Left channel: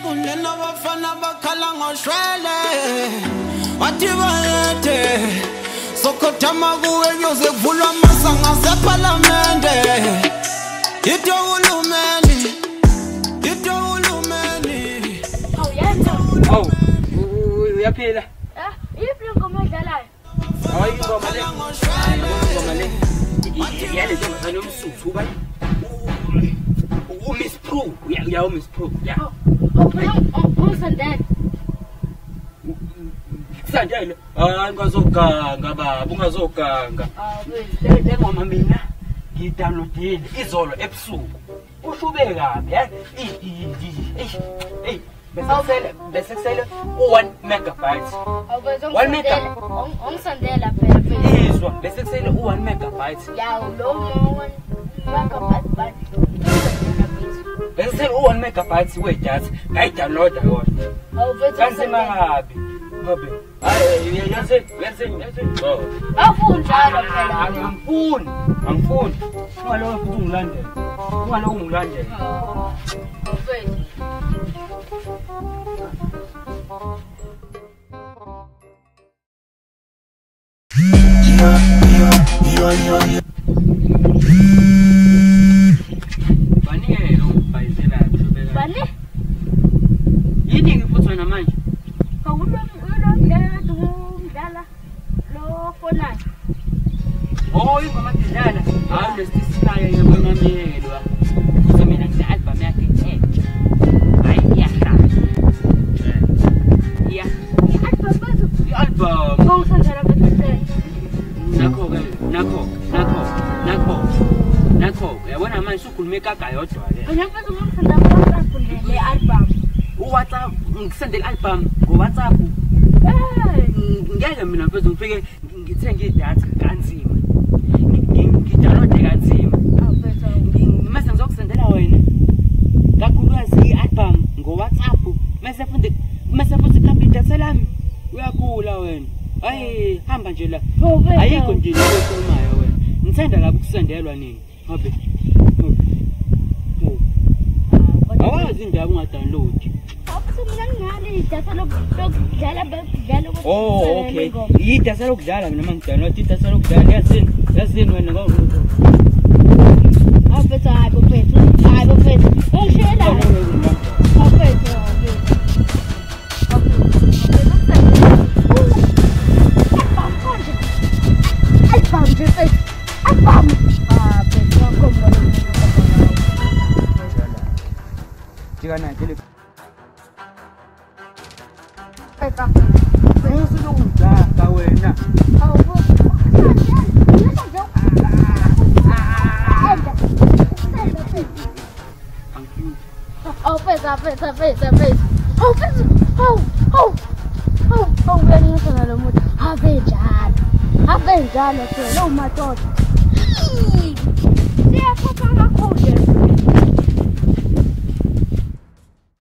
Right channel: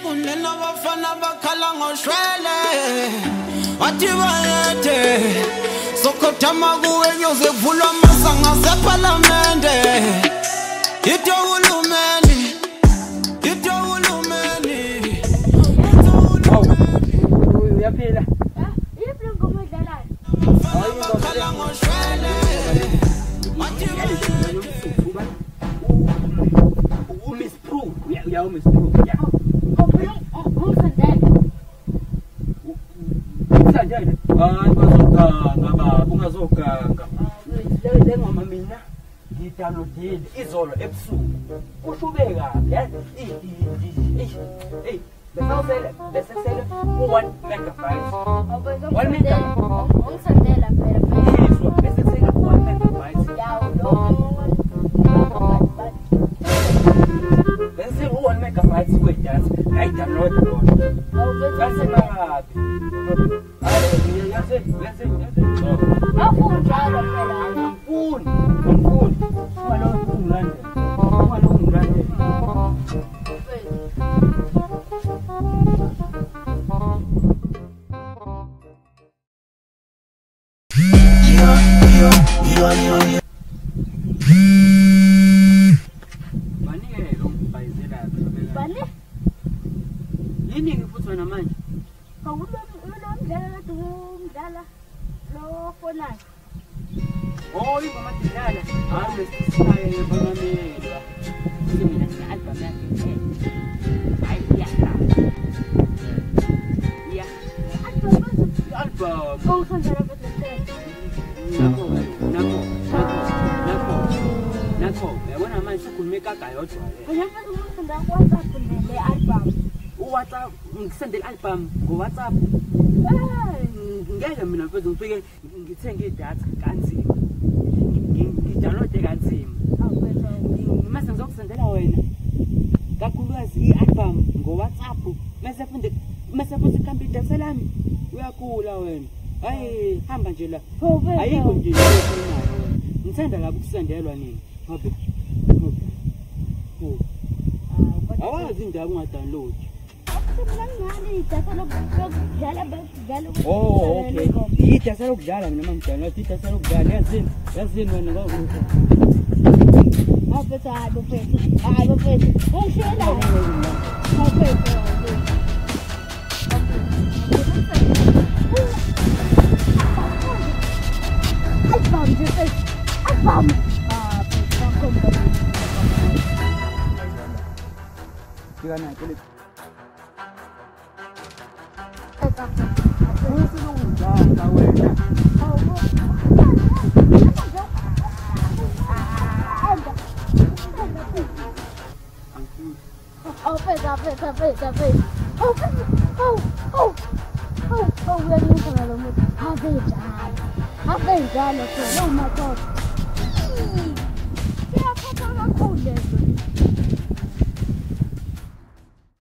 Kunena bafana bakhala ngoshwele wathi bayethe sokothama kuwe nyoze kuvulwa amasanga seParliamente yitho uhulumeni uyaphila iphi ingoma edlalayo bakhala ngoshwele wathi nomsuthu ba Miss Pro ya Miss Pro ya Sandele bazoganga baba ungazoganga le ngoma mina ngidownloadile izolo ebusuku ushube kabi besesele 1 megabytes 1 megabytes ongisandela phela izwa besesele 1 megabytes yawo lo megabyte bese 1 megabytes wedatha ngayidownload yona bese mahabi yazi akunjalo phela angifuni walokho ungilandela yo Banike lo bayizela kushobela bani yini ngiphuthwa namanje ulomdlala umdlala lo fonayo ingoma tidlala hayi lesisinayo yemamelwa futhi mina ngine-album yakhe hayi iyahlala i-album ongisandela phela nakho uyabona manje ukhulume kaga yodwa le ngiyafuna ungisandela le album uWhatsApp ngisendela album ngoWhatsApp ngeke mina mfethu ngifike ngithenge idatha kanzima ngidownload kanzima mase ngizokusendela wena kakhulukazi i-album ngoWhatsApp mase futhi kambi idatha lami uyakhula wena hayi hamba nje la ayikho nje lekhulumayo wena ngithanda kabi ukusendelwa nini ngabe awazi indaba ungadownload okay idatha lokudlala mina mangidownload idatha lokudlala yazini wena Afetha hayi bofethu ungishela afetha album nje fethu album fethu wakhomba Jikana kile usilungudanga wena Avejalo phela umadoda. Siyaphatha kakhulu.